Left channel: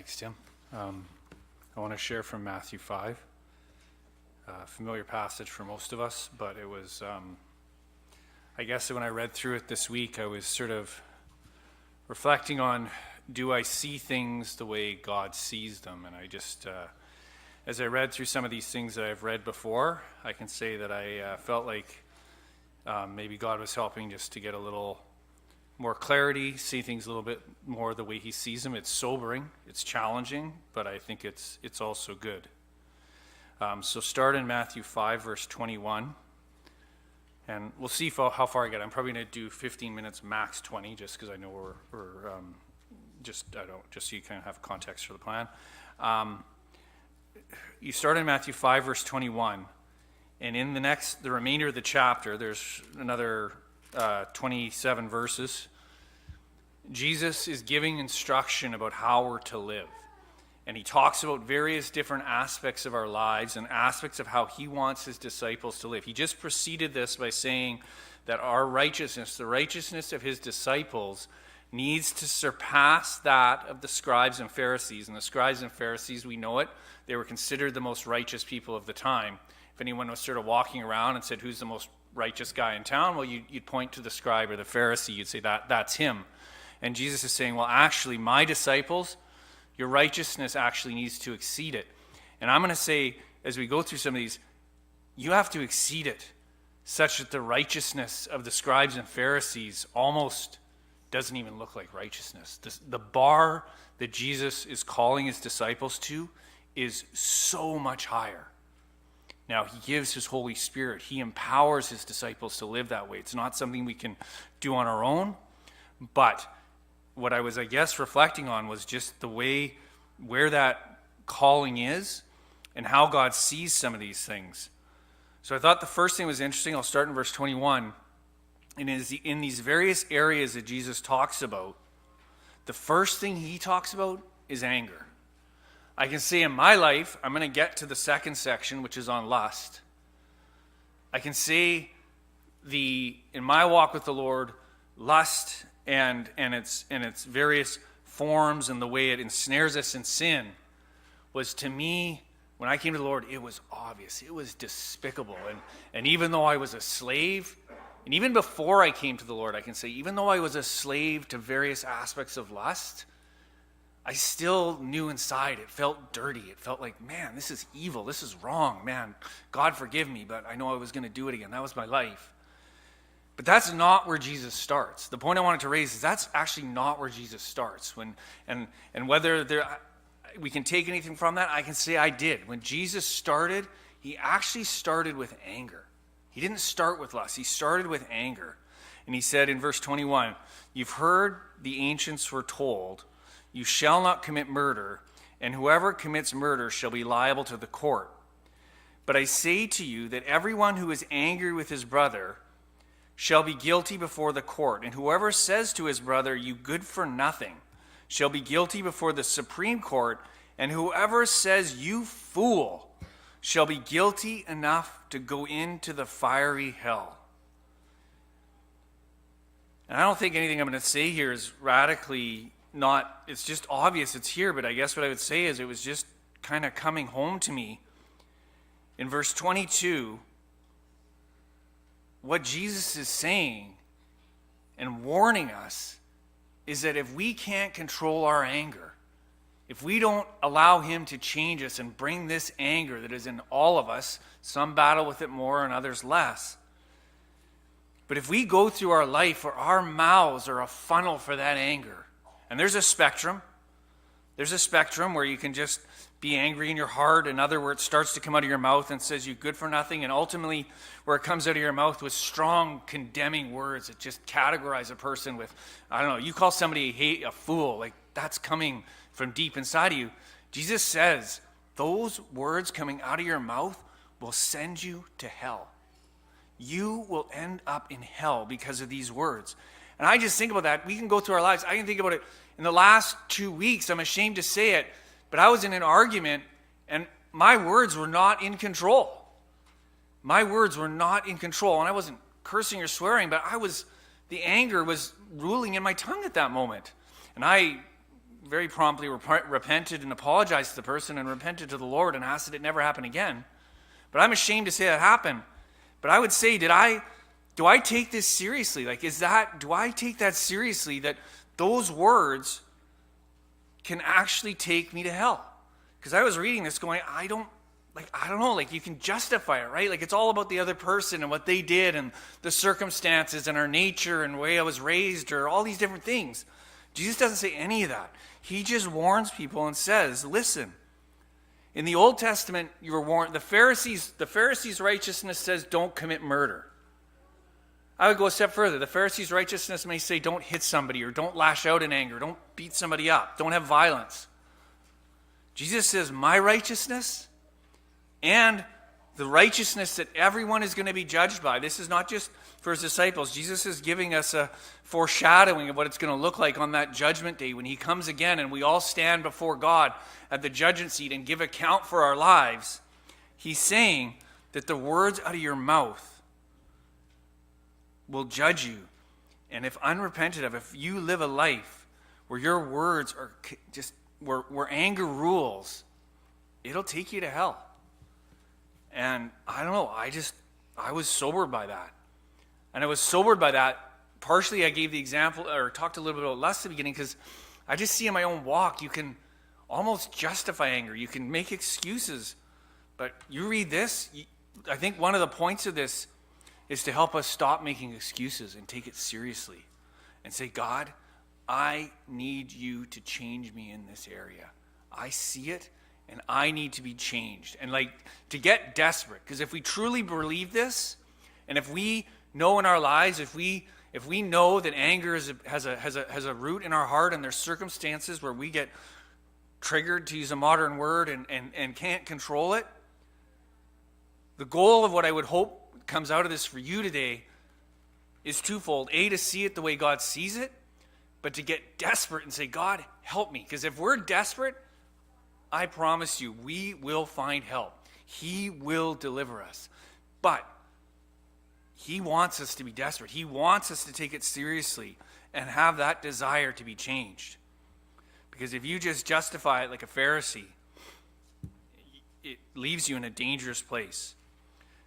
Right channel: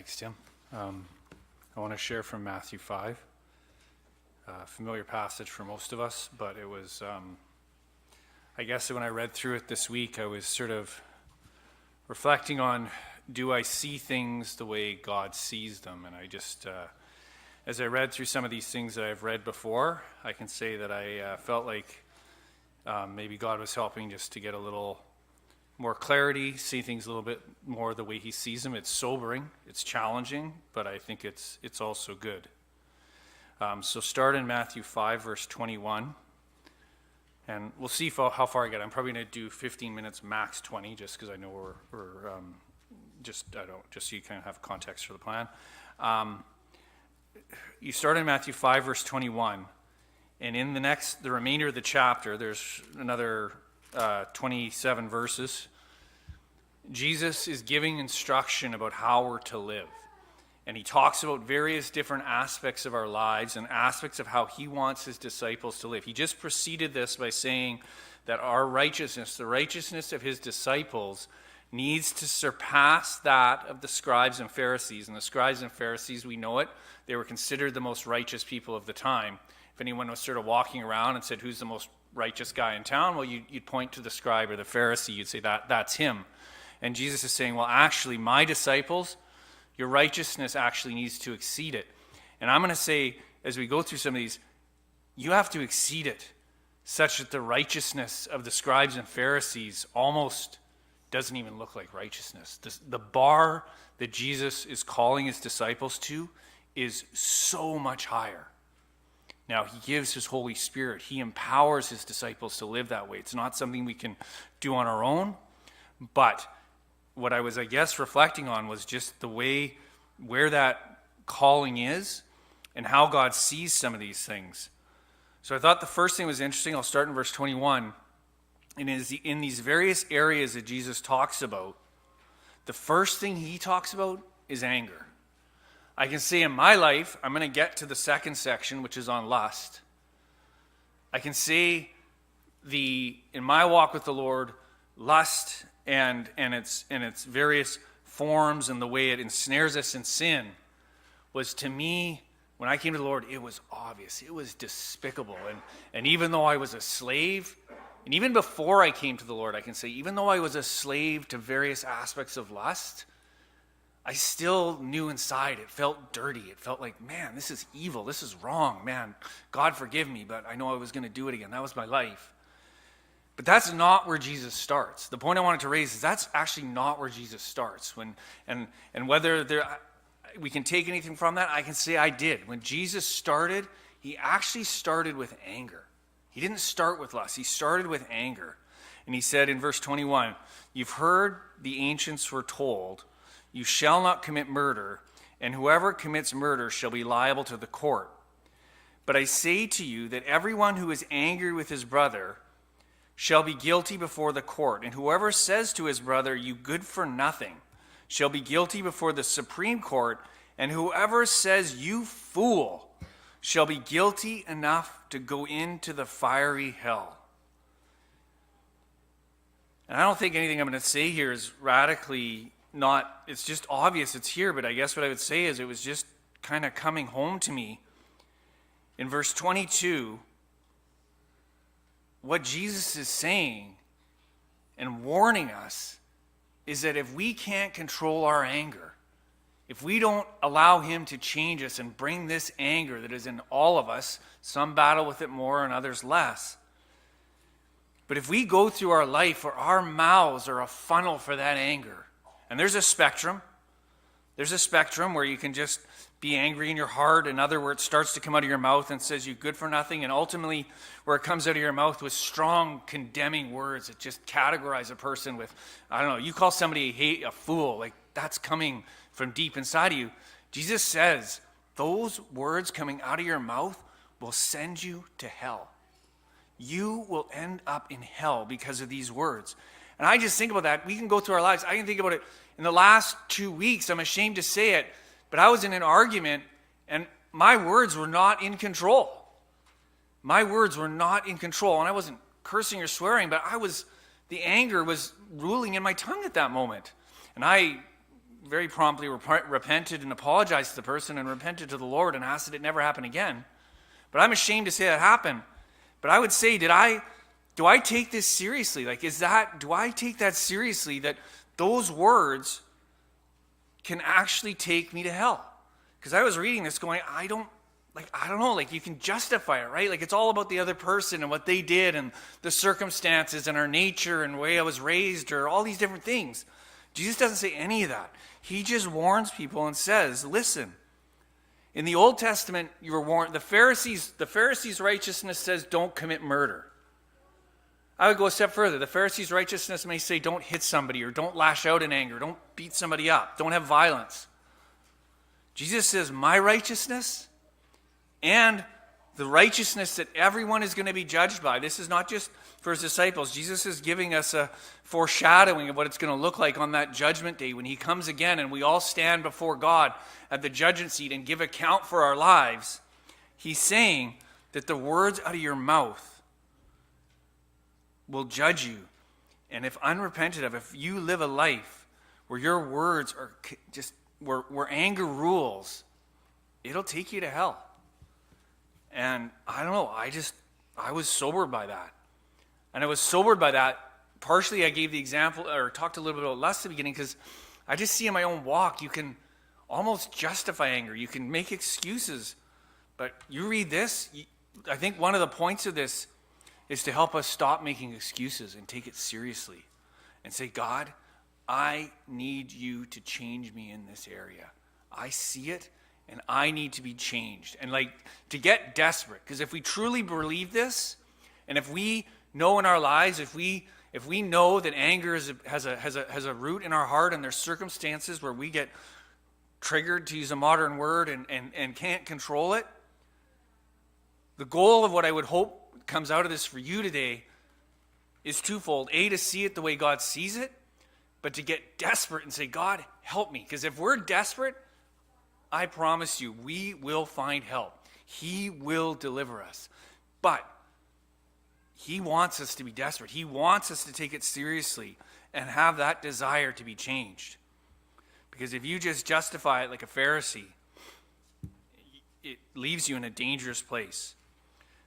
Thanks, Tim. I want to share from Matthew 5. Familiar passage for most of us, but it was, I guess when I read through it this week, I was sort of reflecting on, do I see things the way God sees them? And I just, as I read through some of these things that I've read before, I can say that I felt like maybe God was helping just to get a little more clarity, see things a little bit more the way he sees them. It's sobering, it's challenging, but I think it's also good. So start in Matthew 5, verse 21, and we'll see how far I get. I'm probably going to do 15 minutes, max 20, just because I know we're just so you kind of have context for the plan. You start in Matthew 5, verse 21, and in the remainder of the chapter, there's another 27 verses. Jesus is giving instruction about how we're to live. And he talks about various different aspects of our lives and aspects of how he wants his disciples to live. He just preceded this by saying that our righteousness, the righteousness of his disciples, needs to surpass that of the scribes and Pharisees. And the scribes and Pharisees, we know it, they were considered the most righteous people of the time. If anyone was sort of walking around and said, who's the most righteous guy in town? Well, you'd point to the scribe or the Pharisee. You'd say, that's him. And Jesus is saying, well, actually, my disciples, your righteousness actually needs to exceed it. And I'm going to say, as we go through some of these, you have to exceed it such that the righteousness of the scribes and Pharisees almost doesn't even look like righteousness. The bar that Jesus is calling his disciples to is so much higher. Now, he gives his Holy Spirit. He empowers his disciples to live that way. It's not something we can do on our own, but what I was, I guess, reflecting on was just the way, where that calling is and how God sees some of these things. So I thought the first thing was interesting. I'll start in verse 21. And in these various areas that Jesus talks about, the first thing he talks about is anger. I can say in my life, I'm going to get to the second section, which is on lust. I can say in my walk with the Lord, lust and its various forms and the way it ensnares us in sin was, to me, when I came to the Lord, it was obvious. It was despicable. And even though I was a slave, and even before I came to the Lord, I can say, even though I was a slave to various aspects of lust, I still knew inside it felt dirty. It felt like, man, this is evil. This is wrong. Man, God forgive me, but I know I was going to do it again. That was my life. But that's not where Jesus starts. The point I wanted to raise is that's actually not where Jesus starts. And whether we can take anything from that, I can say I did. When Jesus started, he actually started with anger. He didn't start with lust. He started with anger. And he said in verse 21, you've heard the ancients were told, you shall not commit murder, and whoever commits murder shall be liable to the court. But I say to you that everyone who is angry with his brother shall be guilty before the court, and whoever says to his brother, you good for nothing, shall be guilty before the Supreme Court, and whoever says, you fool, shall be guilty enough to go into the fiery hell. And I don't think anything I'm going to say here is radically not, it's just obvious it's here, but I guess what I would say is it was just kind of coming home to me. In verse 22, what Jesus is saying and warning us is that if we can't control our anger, if we don't allow him to change us and bring this anger that is in all of us, some battle with it more and others less, but if we go through our life where our mouths are a funnel for that anger, and there's a spectrum where you can just be angry in your heart, and other where it starts to come out of your mouth and says you good for nothing, and ultimately where it comes out of your mouth with strong condemning words that just categorize a person with, I don't know, you call somebody a fool, like that's coming from deep inside of you. Jesus says those words coming out of your mouth will send you to hell. You will end up in hell because of these words. And I just think about that. We can go through our lives. I can think about it in the last 2 weeks. I'm ashamed to say it, but I was in an argument and my words were not in control. My words were not in control. And I wasn't cursing or swearing, but the anger was ruling in my tongue at that moment. And I very promptly repented and apologized to the person and repented to the Lord and asked that it never happen again. But I'm ashamed to say that happened. But I would say, do I take this seriously? Like, do I take that seriously, that those words can actually take me to hell? Because I was reading this going, I don't know, like, you can justify it, right? Like, it's all about the other person and what they did and the circumstances and our nature and the way I was raised or all these different things. Jesus doesn't say any of that. He just warns people and says, listen, in the Old Testament, you were warned. The Pharisees' righteousness says don't commit murder. I would go a step further. The Pharisees' righteousness may say don't hit somebody or don't lash out in anger, don't beat somebody up, don't have violence. Jesus says my righteousness and the righteousness that everyone is going to be judged by. This is not just for his disciples. Jesus is giving us a foreshadowing of what it's going to look like on that judgment day when he comes again and we all stand before God at the judgment seat and give account for our lives. He's saying that the words out of your mouth will judge you. And if unrepentant if you live a life where your words are just, where anger rules, it'll take you to hell. And I don't know, I was sobered by that. And I was sobered by that. Partially I gave the example, or talked a little bit about lust at the beginning, because I just see in my own walk, you can almost justify anger. You can make excuses. But you read this, I think one of the points of this is to help us stop making excuses and take it seriously. And say, God, I need you to change me in this area. I see it, and I need to be changed. And like, to get desperate. Because if we truly believe this, and if we know in our lives, if we know that anger has a root in our heart, and there's circumstances where we get triggered, to use a modern word, and can't control it, the goal of what I would hope comes out of this for you today is twofold. A, to see it the way God sees it, but to get desperate and say, God, help me. Because if we're desperate, I promise you, we will find help. He will deliver us. But he wants us to be desperate. He wants us to take it seriously and have that desire to be changed. Because if you just justify it like a Pharisee, it leaves you in a dangerous place.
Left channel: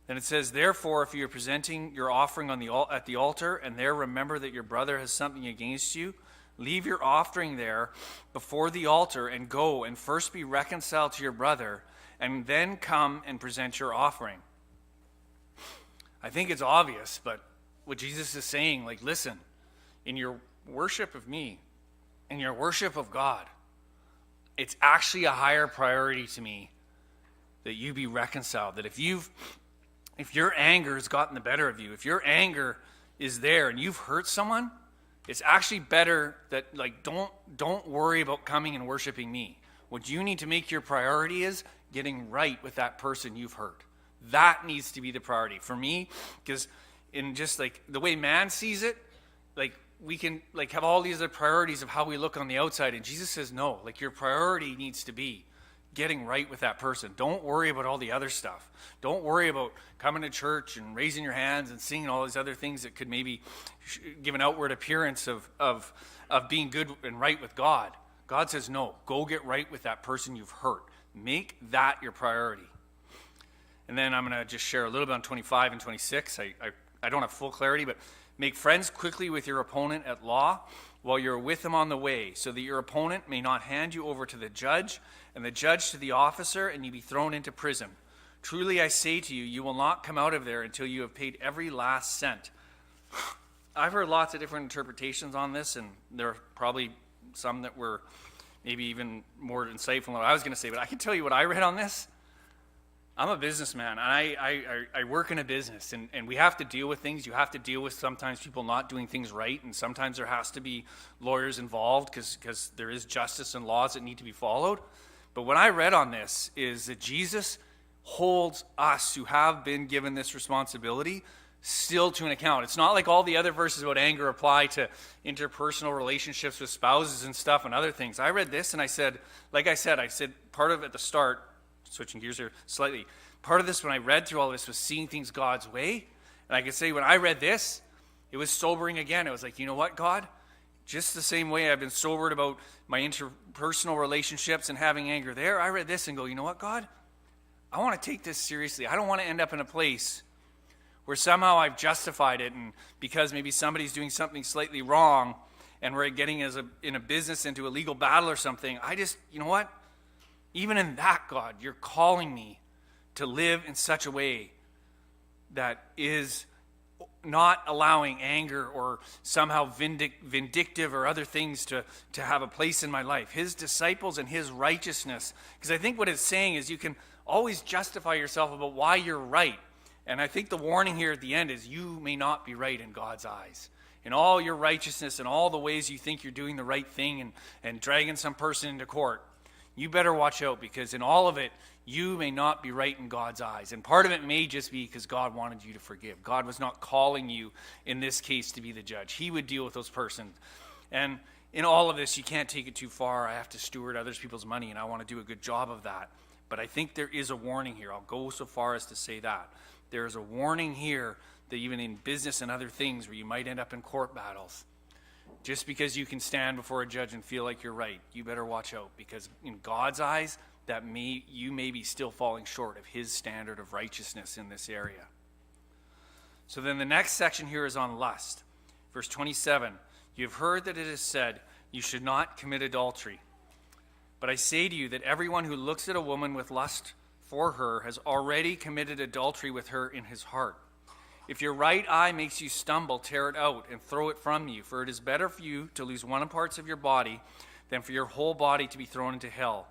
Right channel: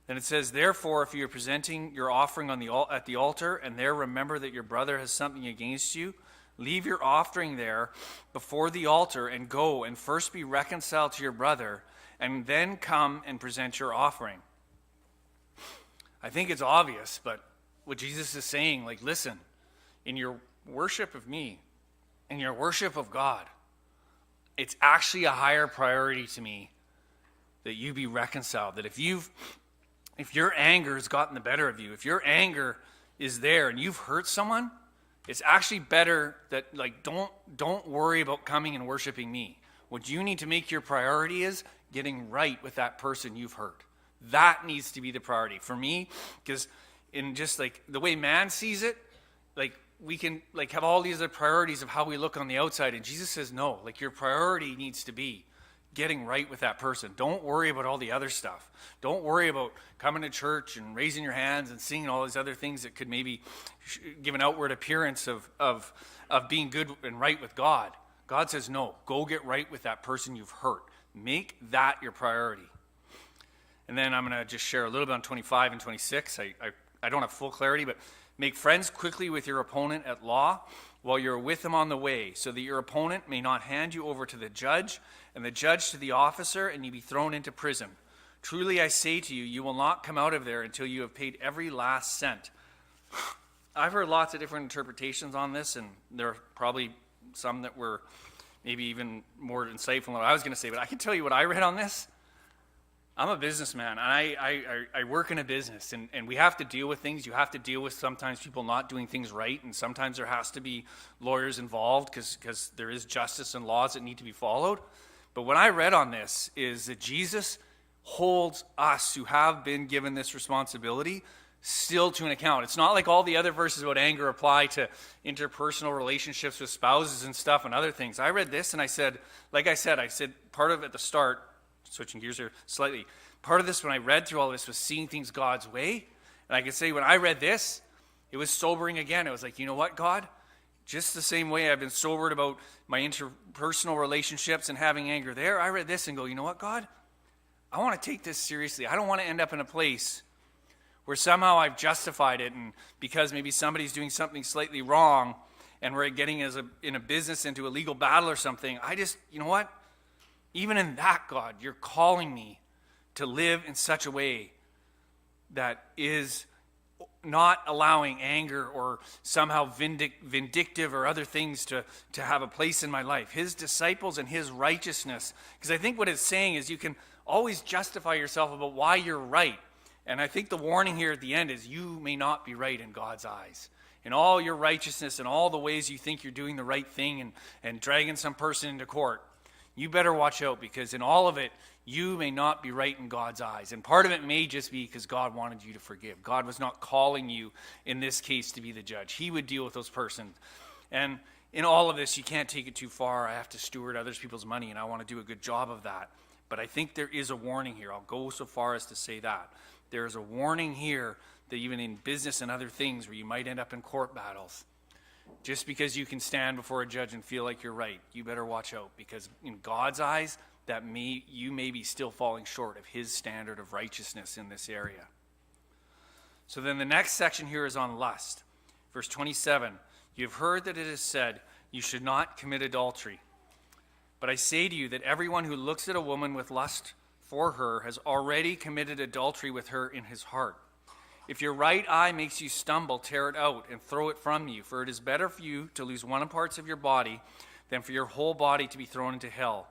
Then it says, therefore, if you are presenting your offering at the altar, and there remember that your brother has something against you, leave your offering there before the altar and go and first be reconciled to your brother, and then come and present your offering. I think it's obvious, but what Jesus is saying, like, listen, in your worship of me, in your worship of God, it's actually a higher priority to me that you be reconciled. That if your anger has gotten the better of you, if your anger is there and you've hurt someone, it's actually better that, like, don't worry about coming and worshiping me. What you need to make your priority is getting right with that person you've hurt. That needs to be the priority for me, because in just like the way man sees it, like, we can like have all these other priorities of how we look on the outside, and Jesus says no, like, your priority needs to be getting right with that person. Don't worry about all the other stuff. Don't worry about coming to church and raising your hands and singing all these other things that could maybe give an outward appearance of being good and right with God. God says no, go get right with that person you've hurt. Make that your priority. And then I'm going to just share a little bit on 25 and 26. I don't have full clarity, but make friends quickly with your opponent at law while you're with him on the way, so that your opponent may not hand you over to the judge, and the judge to the officer, and you be thrown into prison. Truly I say to you, you will not come out of there until you have paid every last cent. I've heard lots of different interpretations on this, and there are probably some that were maybe even more insightful than what I was going to say, but I can tell you what I read on this. I'm a businessman. I work in a business, and we have to deal with things. You have to deal with sometimes people not doing things right, and sometimes there has to be lawyers involved because there is justice and laws that need to be followed. But what I read on this is that Jesus holds us who have been given this responsibility still to an account. It's not like all the other verses about anger apply to interpersonal relationships with spouses and stuff and other things. I read this and I said part of it at the start, switching gears here slightly, part of this when I read through all this was seeing things God's way. And I could say when I read this, it was sobering again. It was like, you know what, God? Just the same way I've been sobered about my interpersonal relationships and having anger there, I read this and go, you know what, God? I want to take this seriously. I don't want to end up in a place where somehow I've justified it, and because maybe somebody's doing something slightly wrong and we're getting in a business into a legal battle or something. You know what? Even in that, God, you're calling me to live in such a way that is not allowing anger or somehow vindictive or other things to have a place in my life. His disciples and his righteousness. Because I think what it's saying is you can always justify yourself about why you're right. And I think the warning here at the end is you may not be right in God's eyes. In all your righteousness and all the ways you think you're doing the right thing and dragging some person into court, you better watch out, because in all of it, you may not be right in God's eyes. And part of it may just be because God wanted you to forgive. God was not calling you in this case to be the judge. He would deal with those persons. And in all of this, you can't take it too far. I have to steward other people's money, and I want to do a good job of that. But I think there is a warning here. I'll go so far as to say that. There is a warning here that even in business and other things where you might end up in court battles, just because you can stand before a judge and feel like you're right, you better watch out, because in God's eyes, you may be still falling short of his standard of righteousness in this area. So then the next section here is on lust. Verse 27, "You've heard that it is said, you should not commit adultery. But I say to you that everyone who looks at a woman with lust for her has already committed adultery with her in his heart. If your right eye makes you stumble, tear it out and throw it from you, for it is better for you to lose one of the parts of your body than for your whole body to be thrown into hell.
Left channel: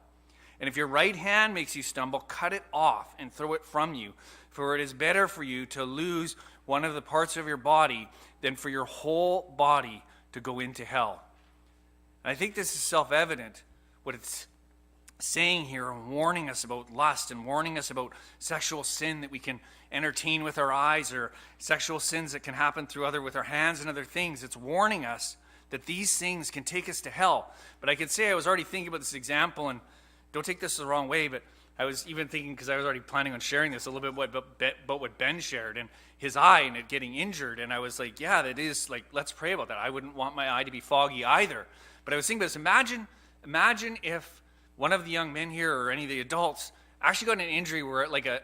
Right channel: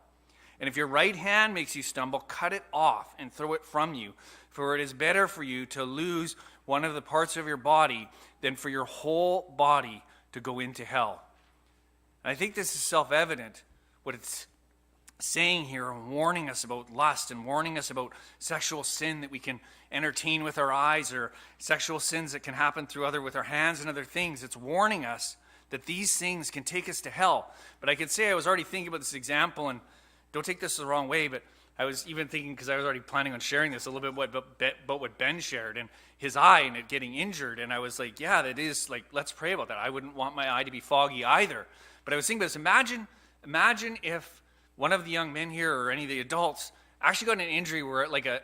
And if your right hand makes you stumble, cut it off and throw it from you, for it is better for you to lose one of the parts of your body than for your whole body to go into hell." And I think this is self-evident, what it's saying here, and warning us about lust and warning us about sexual sin that we can entertain with our eyes, or sexual sins that can happen with our hands and other things. It's warning us that these things can take us to hell. But I could say I was already thinking about this example, and don't take this the wrong way, but I was even thinking, because I was already planning on sharing this a little bit about what Ben shared and his eye and it getting injured. And I was like, yeah, that is like, let's pray about that. I wouldn't want my eye to be foggy either. But I was thinking about this. Imagine if one of the young men here or any of the adults actually got an injury where like a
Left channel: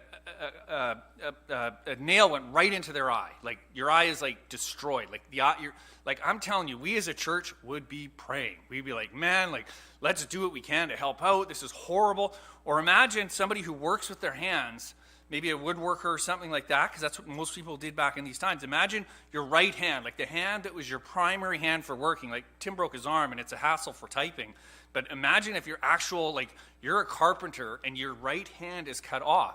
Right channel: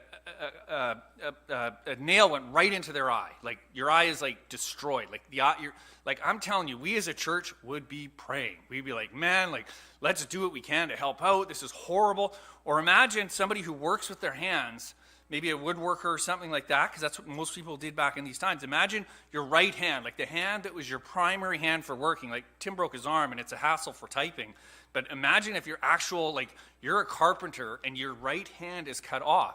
nail went right into their eye. Like your eye is like destroyed. Like I'm telling you, we as a church would be praying. We'd be like, man, like let's do what we can to help out. This is horrible. Or imagine somebody who works with their hands, maybe a woodworker or something like that, because that's what most people did back in these times. Imagine your right hand, like the hand that was your primary hand for working. Like Tim broke his arm and it's a hassle for typing. But imagine if you're a carpenter and your right hand is cut off.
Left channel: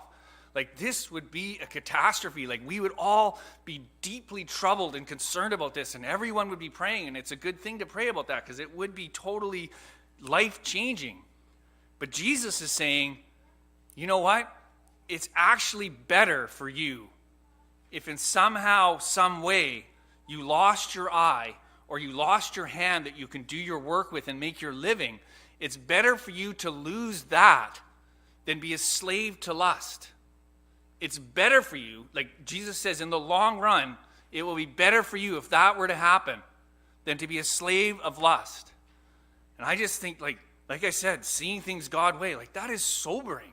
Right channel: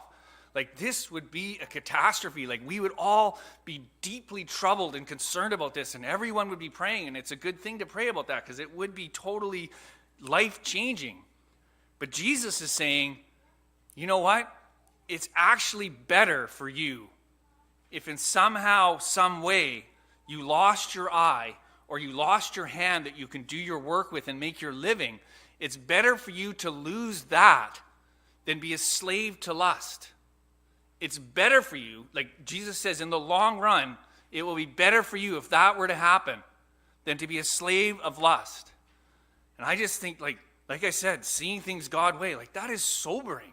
Like this would be a catastrophe. Like we would all be deeply troubled and concerned about this, and everyone would be praying. And it's a good thing to pray about that, because it would be totally life-changing. But Jesus is saying, you know what? It's actually better for you if in somehow, some way, you lost your eye or you lost your hand that you can do your work with and make your living. It's better for you to lose that than be a slave to lust. It's better for you, like Jesus says, in the long run, it will be better for you if that were to happen than to be a slave of lust. And I just think, like I said, seeing things God's way, like that is sobering.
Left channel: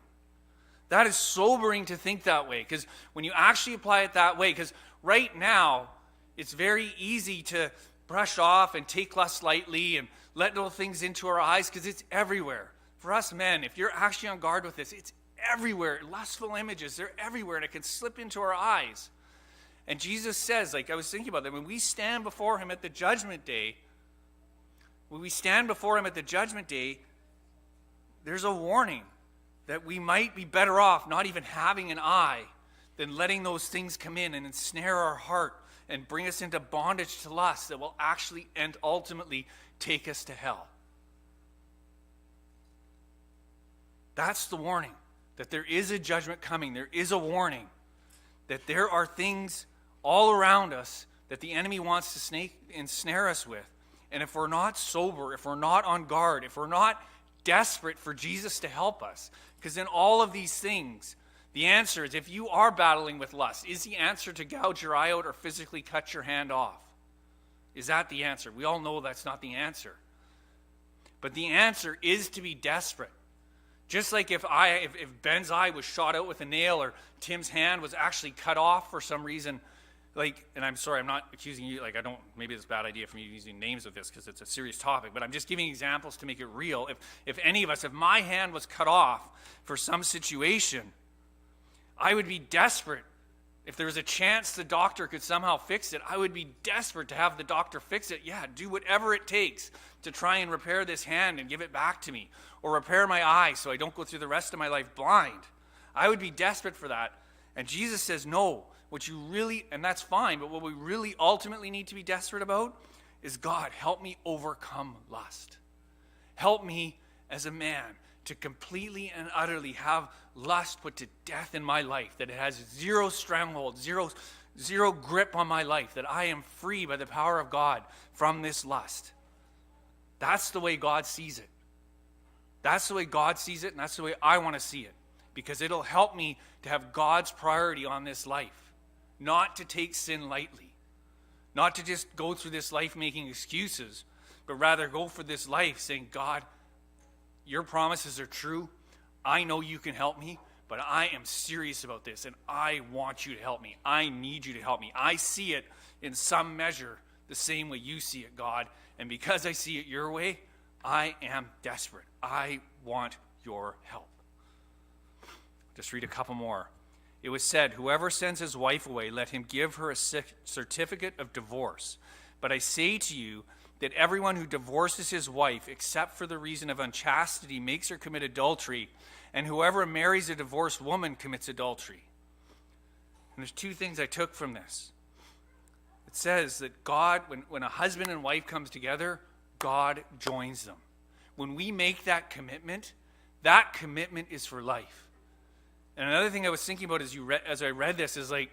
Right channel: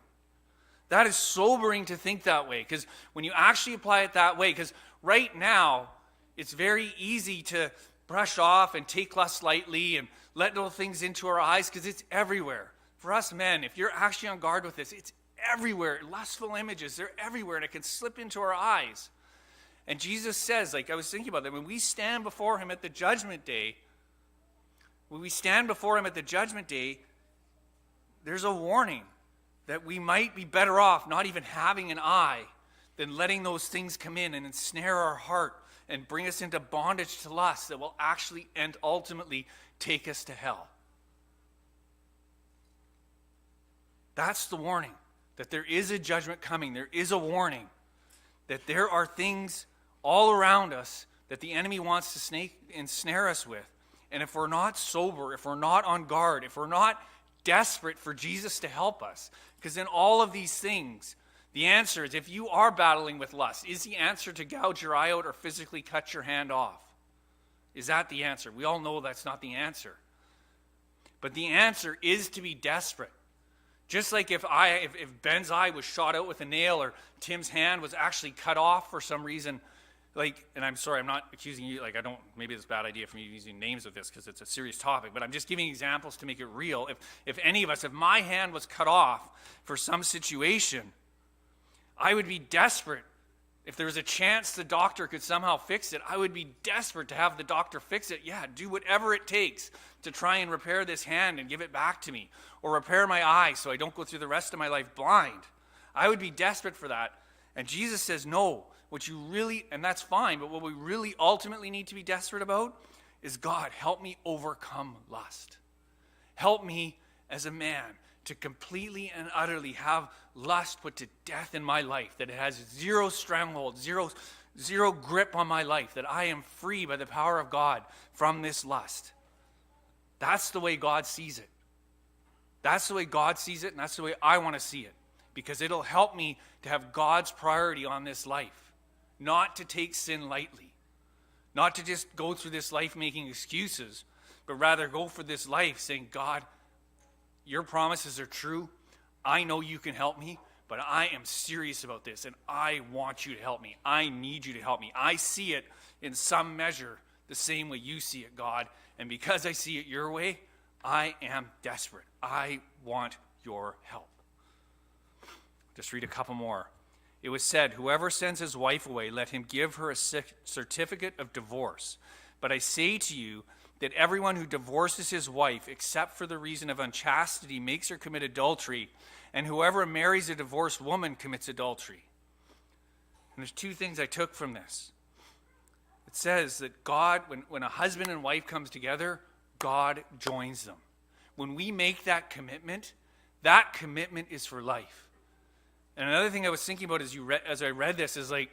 That is sobering to think that way, because when you actually apply it that way, because right now, it's very easy to brush off and take lust lightly and let little things into our eyes, because it's everywhere. For us men, if you're actually on guard with this, it's everywhere. Lustful images, they're everywhere, and it can slip into our eyes. And Jesus says, like I was thinking about that, when we stand before him at the judgment day, there's a warning that we might be better off not even having an eye than letting those things come in and ensnare our heart and bring us into bondage to lust that will actually and ultimately take us to hell. That's the warning, that there is a judgment coming. There is a warning that there are things all around us that the enemy wants to ensnare us with. And if we're not sober, if we're not on guard, if we're not desperate for Jesus to help us, because in all of these things, the answer is, if you are battling with lust, is the answer to gouge your eye out or physically cut your hand off? Is that the answer? We all know that's not the answer. But the answer is to be desperate. Just like if Ben's eye was shot out with a nail, or Tim's hand was actually cut off for some reason, and I'm sorry, I'm not accusing you, maybe it's a bad idea for me using names of this because it's a serious topic, but I'm just giving examples to make it real. If any of us, if my hand was cut off for some situation, I would be desperate. If there was a chance the doctor could somehow fix it, I would be desperate to have the doctor fix it. Yeah, do whatever it takes to try and repair this hand and give it back to me, or repair my eye so I don't go through the rest of my life blind. I would be desperate for that. And Jesus says, no, what you really, and that's fine, but what we really ultimately need to be desperate about is, God, help me overcome lust. Help me as a man to completely and utterly have lust put to death in my life, that it has zero stranglehold, zero grip on my life, that I am free by the power of God from this lust. That's the way God sees it. That's the way God sees it, and that's the way I want to see it, because it'll help me to have God's priority on this life, not to take sin lightly, not to just go through this life making excuses, but rather go for this life saying, God, your promises are true. I know you can help me, but I am serious about this, and I want you to help me. I need you to help me. I see it in some measure the same way you see it, God, and because I see it your way, I am desperate. I want your help. Just read a couple more. It was said, whoever sends his wife away, let him give her a certificate of divorce. But I say to you that everyone who divorces his wife, except for the reason of unchastity, makes her commit adultery, and whoever marries a divorced woman commits adultery. And there's two things I took from this. It says that God, when a husband and wife comes together, God joins them. When we make that commitment is for life. And another thing I was thinking about as I read this is, I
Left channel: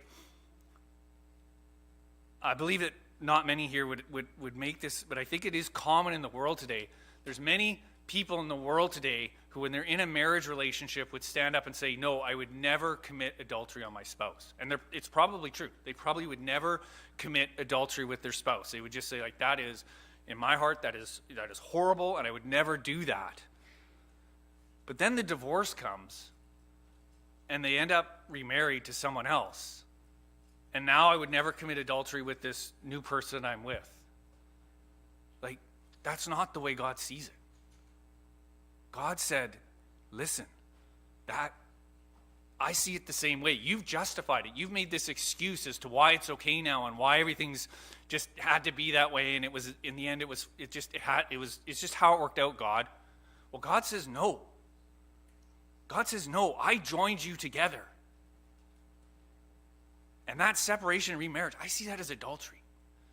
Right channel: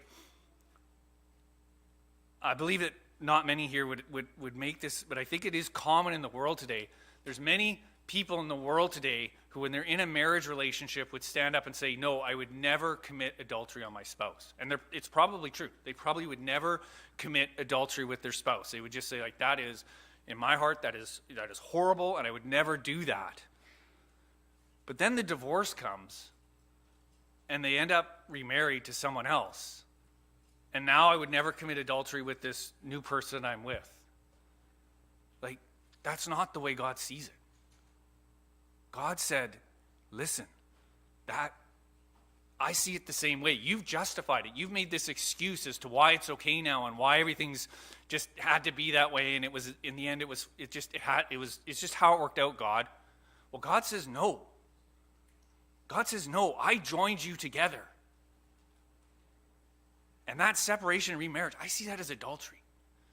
believe that not many here would make this, but I think it is common in the world today. There's many people in the world today who, when they're in a marriage relationship, would stand up and say, no, I would never commit adultery on my spouse. And it's probably true. They probably would never commit adultery with their spouse. They would just say, that is, in my heart, that is horrible, and I would never do that. But then the divorce comes, and they end up remarried to someone else. And now I would never commit adultery with this new person I'm with. That's not the way God sees it. God said, listen, I see it the same way. You've justified it. You've made this excuse as to why it's okay now and why everything's just had to be that way. And it was, in the end, it's just how it worked out, God. Well, God says no. God says no. I joined you together. And that separation and remarriage, I see that as adultery.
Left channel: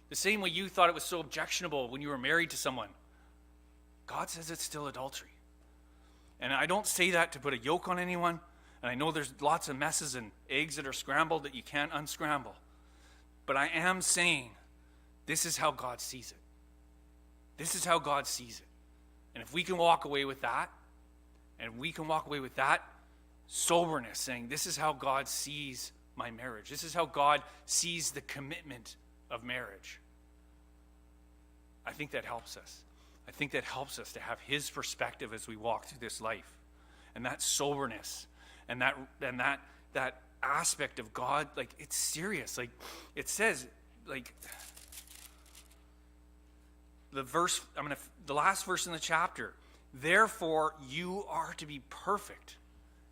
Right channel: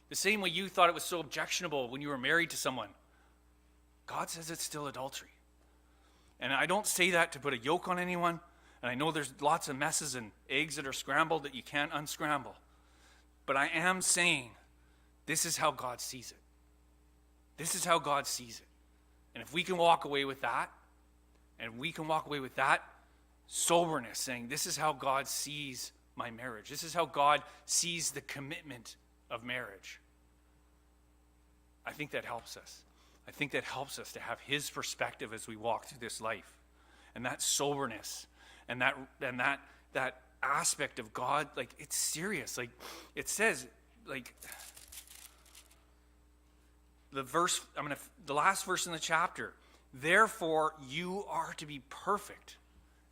The same way you thought it was so objectionable when you were married to someone. God says it's still adultery. And I don't say that to put a yoke on anyone. And I know there's lots of messes and eggs that are scrambled that you can't unscramble. But I am saying this is how God sees it. This is how God sees it. And if we can walk away with that, and we can walk away with that soberness, saying this is how God sees my marriage. This is how God sees the commitment of marriage. I think that helps us. I think that helps us to have his perspective as we walk through this life. And that soberness and that aspect of God, it's serious. It says, the last verse in the chapter, therefore you are to be perfect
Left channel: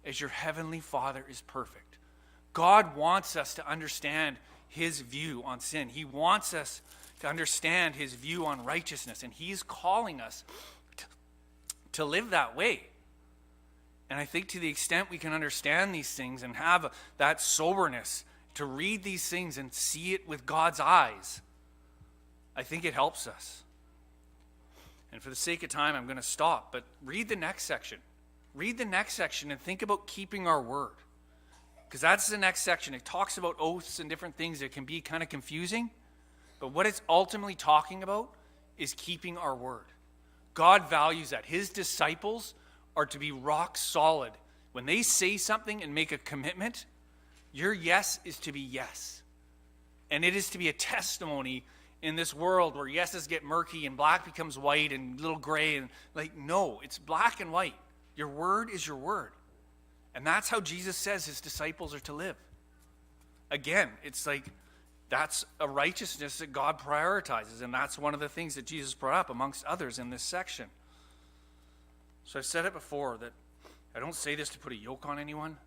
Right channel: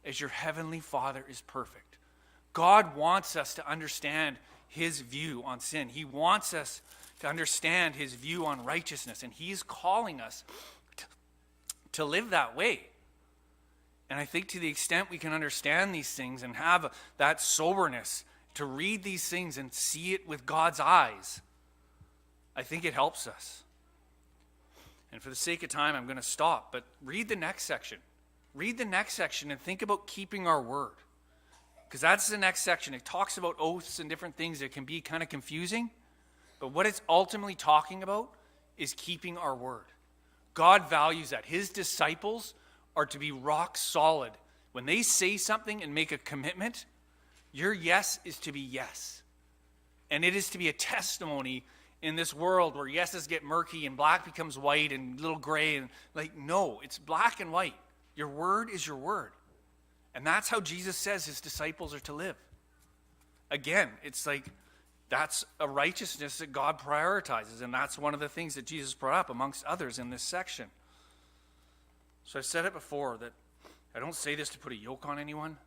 as your heavenly Father is perfect. God wants us to understand his view on sin. He wants us to understand his view on righteousness, and he's calling us to live that way. And I think to the extent we can understand these things and have that soberness to read these things and see it with God's eyes, I think it helps us. And for the sake of time, I'm going to stop, but read the next section. Read the next section and think about keeping our word. Because that's the next section. It talks about oaths and different things that can be kind of confusing. But what it's ultimately talking about is keeping our word. God values that. His disciples are to be rock solid. When they say something and make a commitment, your yes is to be yes. And it is to be a testimony in this world where yeses get murky and black becomes white and little gray. And no, it's black and white. Your word is your word. And that's how Jesus says his disciples are to live. Again, it's that's a righteousness that God prioritizes. And that's one of the things that Jesus brought up amongst others in this section. So I've said it before that I don't say this to put a yoke on anyone,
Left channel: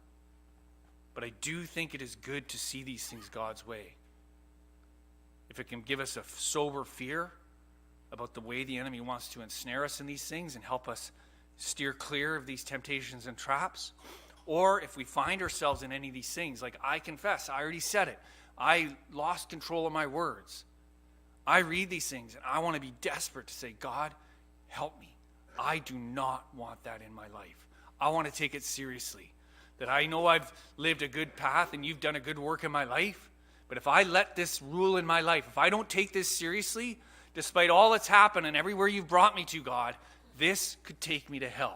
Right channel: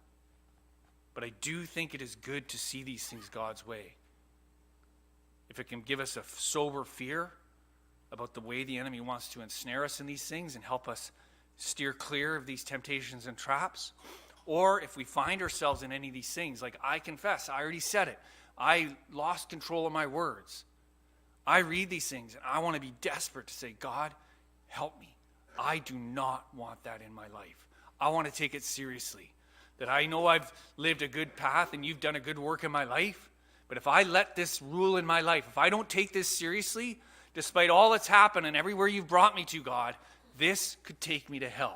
but I do think it is good to see these things God's way. If it can give us a sober fear about the way the enemy wants to ensnare us in these things and help us steer clear of these temptations and traps, or if we find ourselves in any of these things, I confess, I already said it, I lost control of my words. I read these things and I want to be desperate to say, God, help me. I do not want that in my life. I want to take it seriously. That I know I've lived a good path and you've done a good work in my life. But if I let this rule in my life, if I don't take this seriously, despite all that's happened and everywhere you've brought me to, God, this could take me to hell.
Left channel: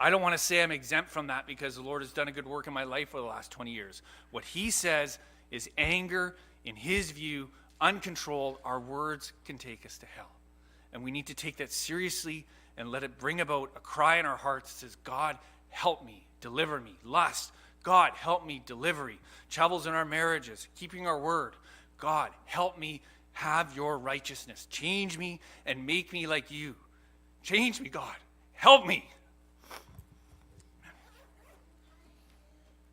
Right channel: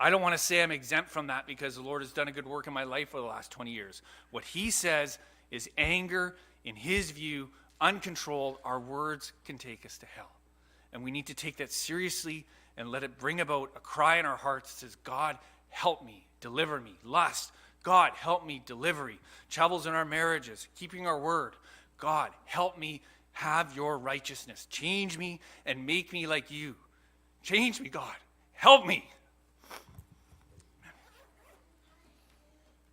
I don't want to say I'm exempt from that because the Lord has done a good work in my life for the last 20 years. What he says is anger, in his view, uncontrolled, our words can take us to hell. And we need to take that seriously and let it bring about a cry in our hearts that says, God, help me, deliver me. Lust, God, help me, delivery. Troubles in our marriages, keeping our word. God, help me have your righteousness. Change me and make me like you. Change me, God. Help me.